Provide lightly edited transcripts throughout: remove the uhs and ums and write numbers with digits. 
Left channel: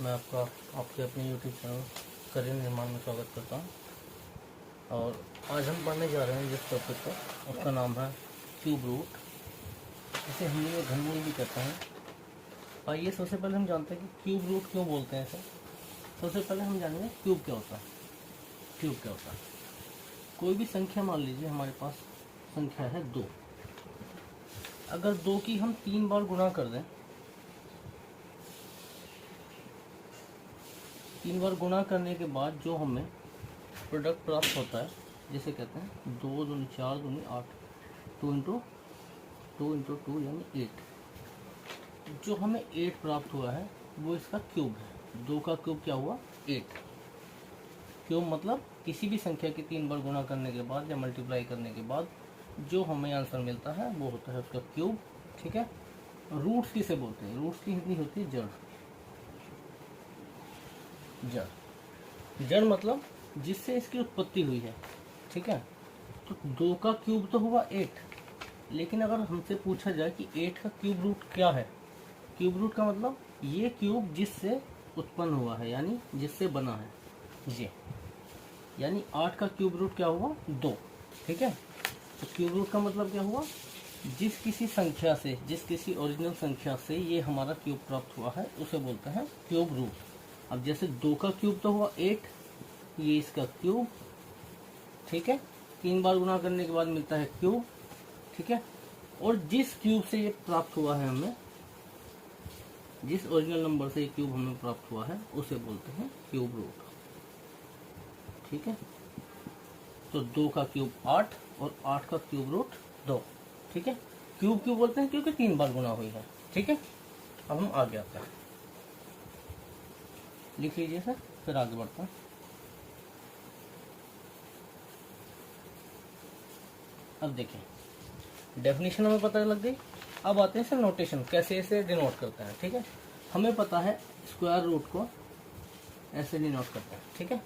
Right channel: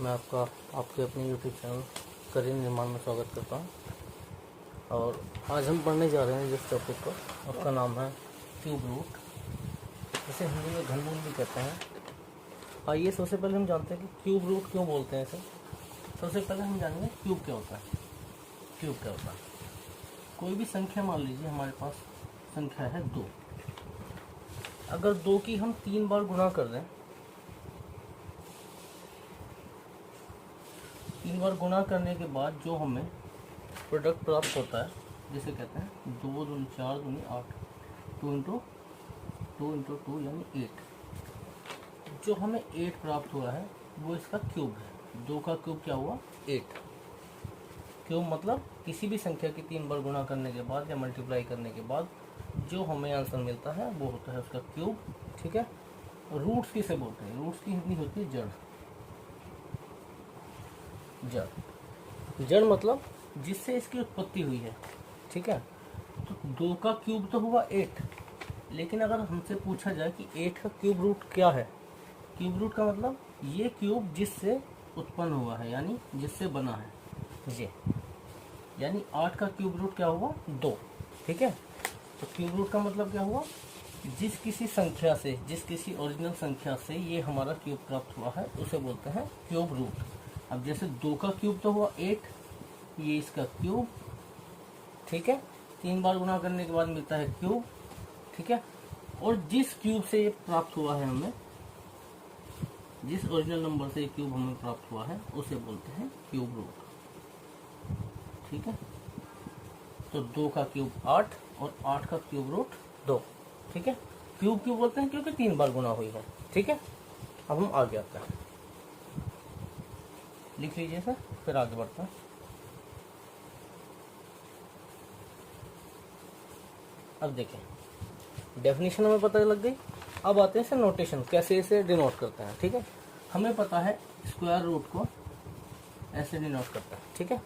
मैं आपके अपने YouTube चैनल करियर निर्माण में स्वागत करता हूं। और आज हम पढ़ने जा रहे हैं जिस टॉपिक को, उसका नाम है क्यूब रूट, इसे हिंदी में घनमूल भी कहते हैं। आइए सबसे पहले हम जानते हैं कि क्यूब रूट क्यों बोलते हैं इसे। सबसे पहले हम जानेंगे क्यूब क्या होता है। क्यूब क्या होता है? कोई भी संख्या, मान लीजिए हमारे पास संख्या है 2। अगर 2 की हम 3 बार गुणा कर दें, 3 बार गुणा करने के बाद जो हमें प्रोडक्ट प्राप्त होता है, जिसे कहते हैं 2 दूनी 4 दूनी 8, 2 इंटू 2 यानी 8। जो हमें 8 प्राप्त हुआ है वो इसका क्यूब है। 2 का क्यूब क्या हुआ? 8। क्यूब मतलब किसी भी संख्या की 3 बार गुणा करने के बाद या मल्टीप्लाई करने के बाद जो हमें आंसर मिलता है वो होता है उसका क्यूब। ठीक है। रूट्स किसे बोलते हैं? रूट्स की हिंदी होती है जड़। जड़ मतलब जिससे इसकी उत्पत्ति हुई है। ठीक है। तो 2 का क्यूब तो हुआ 8, लेकिन अगर हमसे पूछा जाए कि 8 का क्यूब रूट क्या है, क्यूब रूट का मतलब ये क्यूब जिससे उत्पन्न हुआ है, यानी जिससे बना है ये, यानी 8 का क्यूब रूट क्या हुआ? 2। ठीक है। तो क्यूब रूट का मतलब क्या हुआ? जिस किसी संख्या से, जिस किसी ओरिजिनल संख्या से ये हमारा क्यूब प्राप्त हुआ है उसे बोलते हैं क्यूब रूट। अब जैसे 2 का क्यूब तो हुआ 8, ये इसका क्यूब। ठीक है। 3 बार गुणा करने के बाद मिलता है क्यूब। ठीक है। और जिस क्यूब से ये प्राप्त हुआ है हमें, जिस ओरिजिनल नंबर से ये क्यूब हमें प्राप्त हुआ है उसे बोलते हैं क्यूब रूट। ठीक है। तो 2 का क्यूब 8 और 8 का क्यूब रूट 2। ठीक है। क्यूब क्यों बोलते हैं? क्योंकि 3 बार गुणा हुई है। ठीक है। अब हम आगे आते हैं, लिख लीजिए सर, फिर आगे बढ़ता हूँ। अब देखें, डेफिनेशन हमें पता लग गई। अब आते हैं इसे नोटेशन, कैसे इसे डिनोट करते हैं। ठीक है। हमें पता है स्क्वायर रूट को ऐसे डिनोट करते हैं। ठीक है।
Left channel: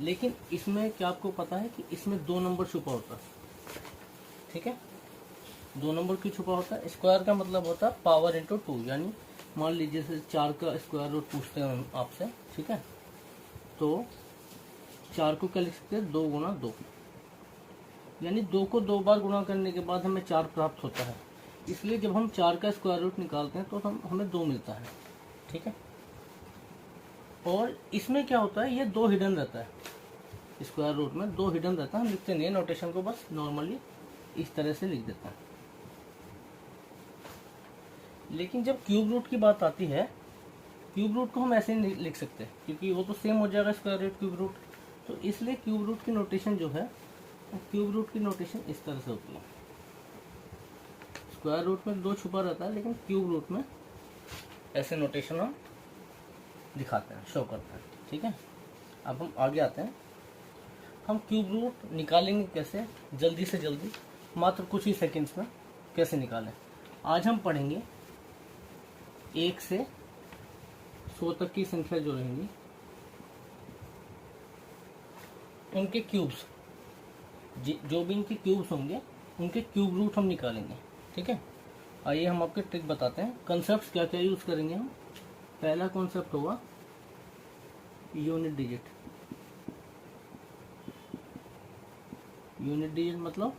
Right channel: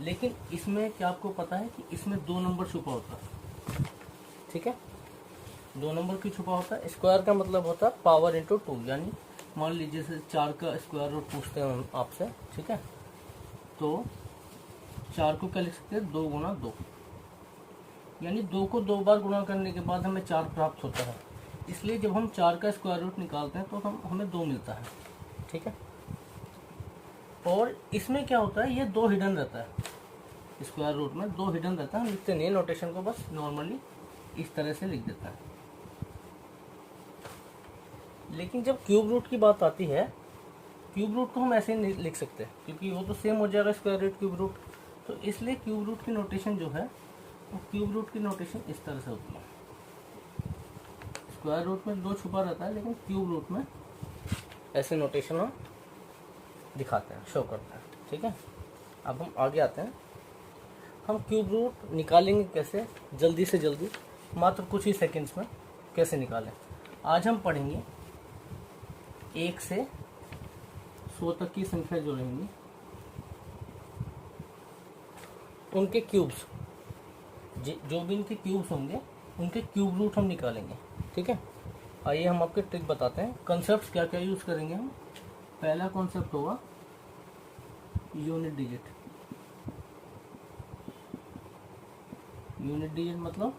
लेकिन इसमें क्या आपको पता है कि इसमें 2 नंबर छुपा होता है। ठीक है। 2 नंबर क्यों छुपा होता है? स्क्वायर का मतलब होता है पावर इंटू 2, यानी मान लीजिए जैसे 4 का स्क्वायर रूट पूछते हैं आपसे। ठीक है। तो 4 को क्या लिख सकते हैं? 2 गुणा 2, यानी 2 को 2 बार गुणा करने के बाद हमें 4 प्राप्त होता है। इसलिए जब हम 4 का स्क्वायर रूट निकालते हैं तो हमें 2 मिलता है। ठीक है। और इसमें क्या होता है, ये 2 हिडन रहता है। स्क्वायर रूट में 2 हिडन रहता है। हम लिखते नहीं है नोटेशन को, बस नॉर्मली इस तरह से लिख देता है। लेकिन जब क्यूब रूट की बात आती है, क्यूब रूट को हम ऐसे नहीं लिख सकते क्योंकि वो तो सेम हो जाएगा स्क्वायर रूट क्यूब रूट। तो इसलिए क्यूब रूट की नोटेशन जो है, क्यूब रूट की नोटेशन इस तरह से होती है। स्क्वायर रूट में 2 छुपा रहता है, लेकिन क्यूब रूट में ऐसे नोटेशन हम दिखाते हैं, शो करते हैं। ठीक है। अब हम आगे आते हैं। हम क्यूब रूट निकालेंगे कैसे, जल्दी से जल्दी, मात्र कुछ ही सेकंड्स में कैसे निकालें। आज हम पढ़ेंगे 1 से 100 तक की संख्या जो रहेंगी उनके क्यूब्स, जो भी इनके क्यूब्स होंगे उनके क्यूब रूट हम निकालेंगे। ठीक है। आइए हम आपको ट्रिक बताते हैं। कॉन्सेप्ट्स क्या क्या यूज करेंगे हम। पहला कॉन्सेप्ट होगा यूनिट डिजिट। यूनिट डिजिट मतलब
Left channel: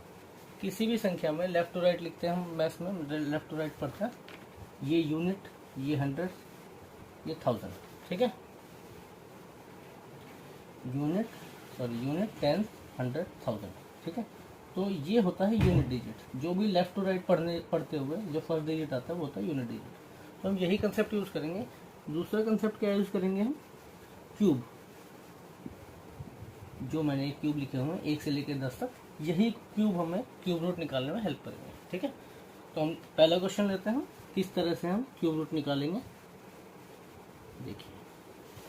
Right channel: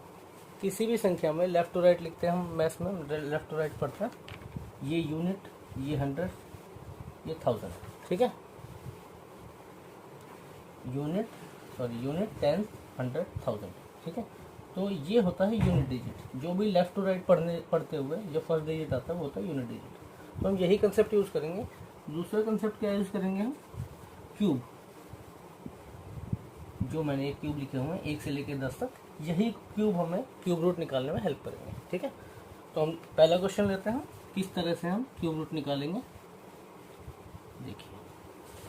किसी भी संख्या में लेफ्ट टू राइट लिखते हैं हम, मैथ्स में लेफ्ट टू राइट पढ़ते हैं। ये यूनिट, ये 100, ये 1000। ठीक है। यूनिट 10, 100, 1000। ठीक है। तो ये होता है यूनिट डिजिट। जो भी लेफ्ट टू राइट पढ़ते हुए जो फर्स्ट डिजिट आता है वो होता है यूनिट डिजिट। तो हम यही कंसेप्ट यूज करेंगे। दूसरा कंसेप्ट क्या यूज करेंगे हम? क्यूब। जो मैंने एक क्यूब लिखे हुए हैं 1 से लेकर 10 तक, यही क्यूब हमें क्यूब रूट निकालने में हेल्प करेंगे। ठीक है। तो हम पहला क्वेश्चन लेते हैं, किस तरह से हम क्यूब रूट निकालेंगे। देखिए,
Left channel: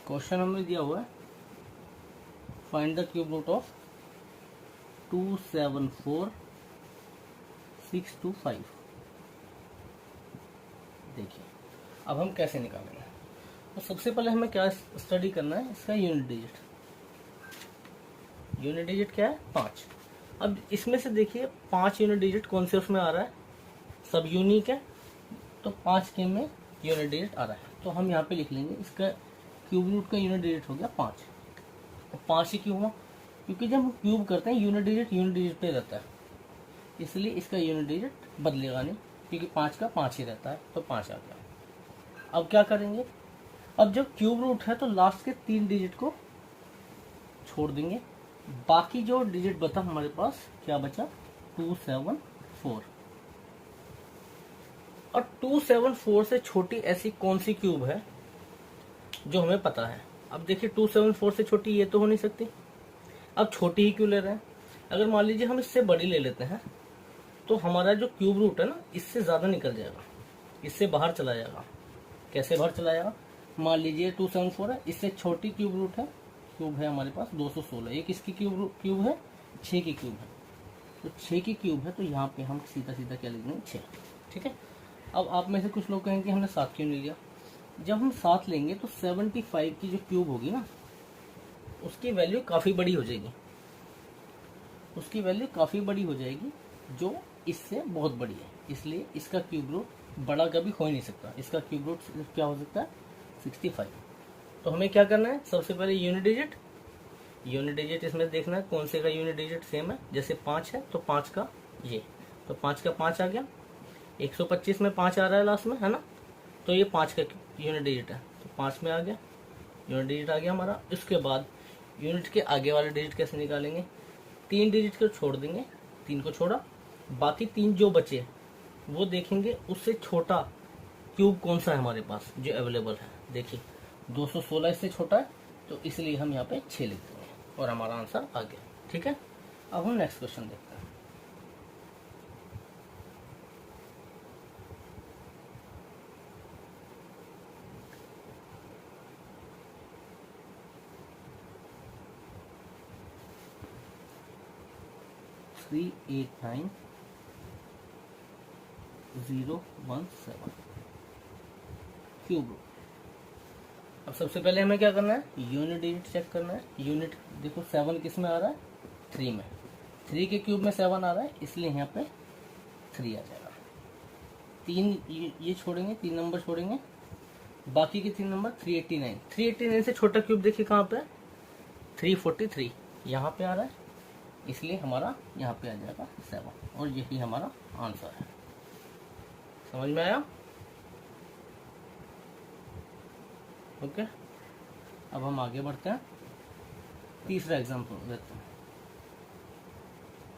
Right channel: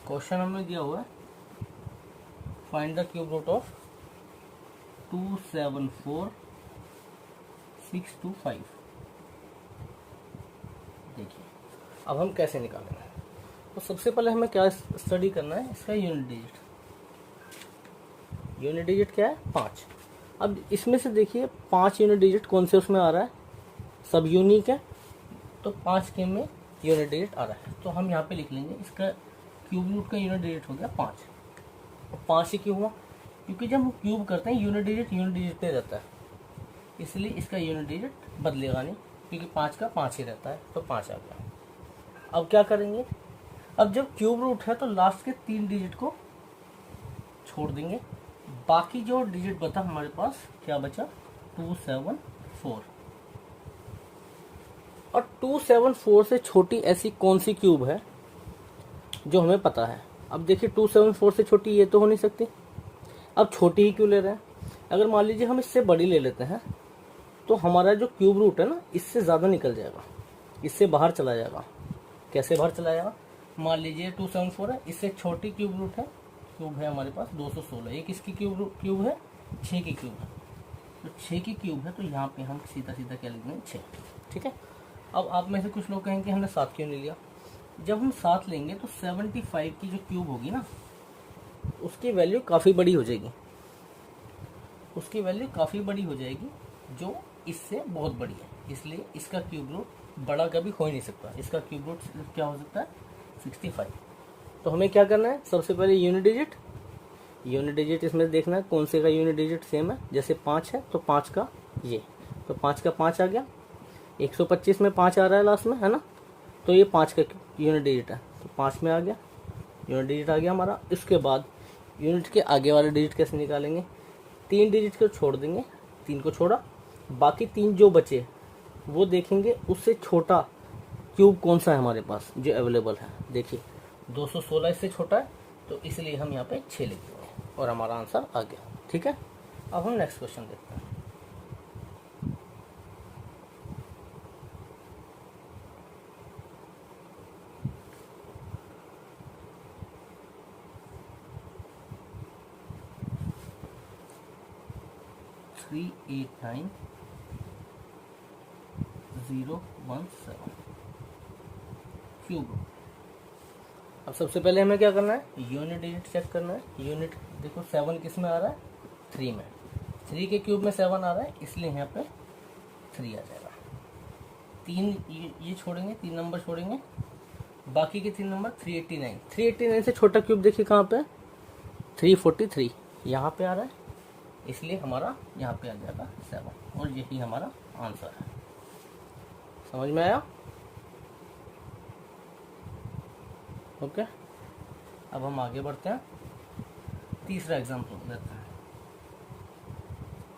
क्वेश्चन हमें दिया हुआ है, find the cube root of 274,625। देखिए, अब हम कैसे निकालेंगे। तो सबसे पहले हमें क्या स्टडी करना है, इसका यूनिट डिजिट। यूनिट डिजिट क्या है? 5। अब इसमें से देखिए 5 यूनिट डिजिट कौन से उसमें आ रहा है? सब यूनिक है। तो 5 के में यूनिट डिजिट आ रहा है। तो हम यहाँ पे लिख लेंगे इसका क्यूब रूट का यूनिट डिजिट हो गया 5। 5 ही क्यों हुआ? क्योंकि जब हम क्यूब करते हैं यूनिट डिजिट पे रहता है, इसलिए इसका यूनिट डिजिट बदलेगा नहीं, क्योंकि 5 का 5 ही रहता है, तो 5 आ गया। अब क्या करेंगे, अब जब क्यूब रूट है तो लास्ट के 3 डिजिट को छोड़ देंगे, बाकी जो डिजिट बचा हमारे पास क्या बचा, 274। और 274 से छोटी ऐसी कौन सी क्यूब है जो हमें पता है? अब देखिए 274 से छोटी ये तो हो नहीं सकती, अब छोटी ही क्यों ले रहे हैं? अगर मान लीजिए हम इससे बड़ी ले लेते हैं तो हमारा जो क्यूब रूट है ना, इससे ज़्यादा निकल जाएगा, इससे बाहर चला जाएगा। कैसे बाहर चला जाएगा? मान लीजिए 274 है, इससे छोटी क्यूब रूट है, क्यूब है हमारे पास 216, एक इसकी क्यूब है 6 की क्यूब है, तो 6 की क्यूब है, तो यहाँ पे हम सीधा सीधा क्या लिख देंगे 6। ठीक है। अब आप में से कुछ लोग कहेंगे हमने 7 क्यों नहीं लिया? जब हम 7 लेंगे तो 75 की जो क्यूब होगी ना, उसकी वैल्यू काफ़ी बड़ी हो जाएगी, उसकी वैल्यू काफ़ी बड़ी हो जाएगी, जो इससे बहुत बड़ी है, इसलिए इसका क्यूब रूट बड़ा कभी हो ही नहीं सकता। इसका क्यूब रूट क्या हो सकता है, 65। तो हमें क्या करना है, सबसे पहले यूनिट डिजिट इसमें देखना है कौन से का यूनिट डिजिट सेम है। जैसे 5 है तो 5 का ये, तो 5 का 5 आ गया, 125 में 5 आ रहा है लास्ट में, है ना, तो ये 5 का यूनिट डिजिट है, तो 5 में आ गया, यूनिट डिजिट आ गया हमारा। इसके बाद यूनिट के आगे वाले डिजिट कैसे निकालेंगे, 3 डिजिट को छोड़ देंगे, 3 को छोड़ा, बाकी 3 जो बचे वो देखेंगे उससे छोटा क्यूब कौन सा है हमारे पास जो अवेलेबल है। देखिए 216 इससे छोटा है, तो इसलिए हम यहाँ पे 6 लिख देंगे और हमारा आंसर आ गया। ठीक है। अब हम नेक्स्ट क्वेश्चन देखते हैं। Three 89017 cube. अब सबसे पहले हमें क्या करना है, यूनिट डिजिट चेक करना है। यूनिट देखो 7 किस में आ रहा है, 3 में, 3 के क्यूब में 7 आ रहा है, इसलिए यहाँ पे 3 आ जाएगा। 3 ये छोड़ेंगे, 3 नंबर छोड़ेंगे, बाकी के 3 नंबर 389। 389 से छोटा क्यूब देखिए कहाँ पे, 343 यहाँ पे आ रहा है, इसलिए हमारा यहाँ पे आ जाएगा 7, और यही हमारा आंसर है। समझ में आया? ओके। अब हम आगे बढ़ते हैं, तीसरा एग्जाम्पल लेते हैं।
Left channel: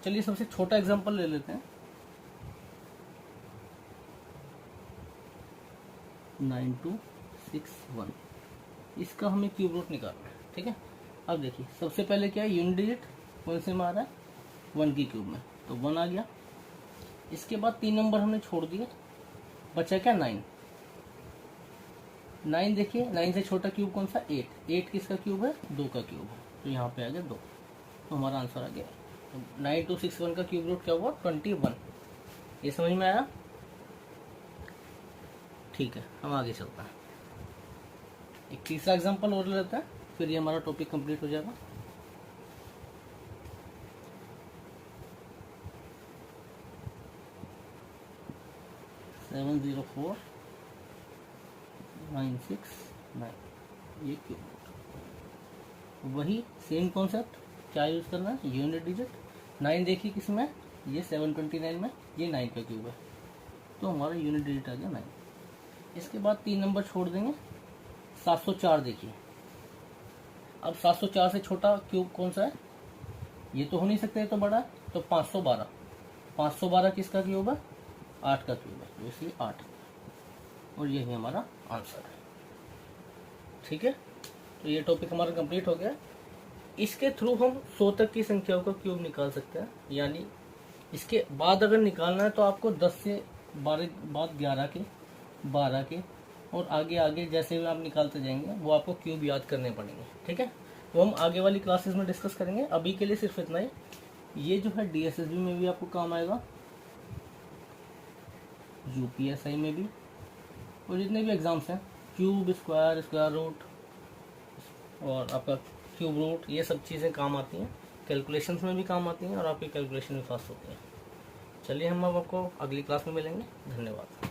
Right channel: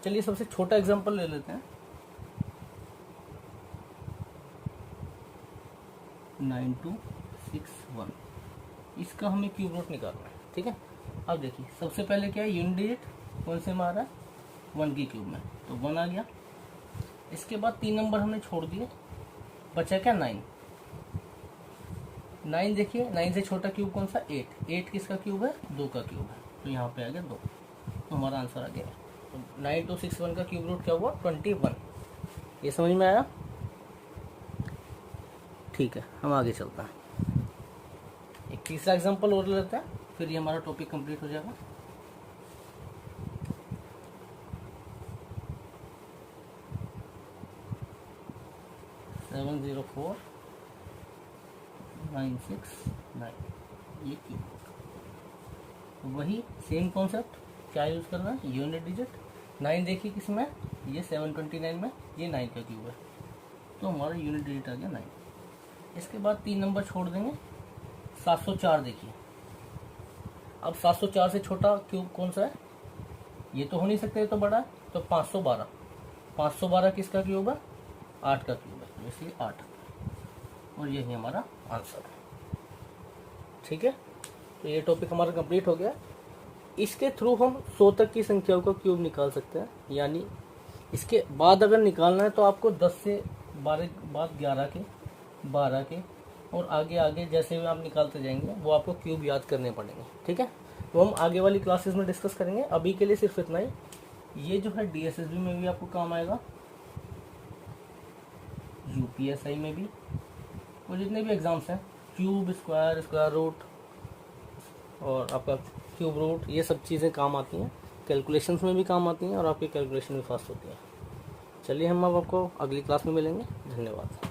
चलिए सबसे छोटा एग्जाम्पल ले लेते हैं, 9261। इसका हमें क्यूब रूट निकालना है। ठीक है। अब देखिए सबसे पहले क्या है, यूनिट डिजिट कौन से में आ रहा है, 1 की क्यूब में, तो 1 आ गया। इसके बाद 3 नंबर हमने छोड़ दिए, बचा क्या 9। 9 देखिए, 9 से छोटा क्यूब कौन सा, 8। 8 किसका क्यूब है, 2 का क्यूब है, तो यहाँ पे आ गया 2, तो हमारा आंसर आ गया। तो 9261 का क्यूब रूट क्या हुआ, 21। ये समझ में आया? ठीक है, हम आगे चलते हैं, एक तीसरा एग्जांपल और लेते हैं, फिर ये हमारा टॉपिक कंप्लीट हो जाएगा। सेवन 969 ये क्यूब। वही सेम कॉन्सेप्ट, क्या यूज करना है, यूनिट डिजिट। 9 देखिए किसमें, ये 729 में, ये 9 का क्यूब है, तो हमारा यूनिट डिजिट आ गया 9। इसके बाद 3 नंबर छोड़ देंगे, 704 देखिए। अब 704 से छोटा क्यूब कौन सा है, ये तो हो नहीं सकता, ये तो बड़ा है, तो 512। 512 किसका क्यूब है, 8 का क्यूब है, इसलिए 8, और यही हमारा आंसर है। ठीक है, तो ये टॉपिक हमारा कंप्लीट हो गया। इसके थ्रू हम 100 तक की संख्याओं का क्यूब निकाल सकते हैं, यानी इसके बाद अगर निकालना है तो आपको 10 से 12 बाद 11 के, 12 के, और आगे आगे जैसे भी आप निकालते जाएंगे वो आपको क्यूब याद करने पड़ेंगे। ठीक है, तो हम आगे वाली क्लासेस में डिस्कस करेंगे। अभी के लिए सिर्फ इतना ही। ये जो है DSSB में भी आपको काम आएगा, UPSI में भी, और जितने भी एग्जाम्स हैं, क्यूब, स्क्वायर, स्क्वायर रूट और आपका क्यूब रूट, ये सब चीज़ें काम आती हैं, कैलकुलेशंस में भी काम आती हैं, और आपकी कैलकुलेशन भी फास्ट होती है। चलिए हम अब आपको अगली क्लास में मिलेंगे। धन्यवाद।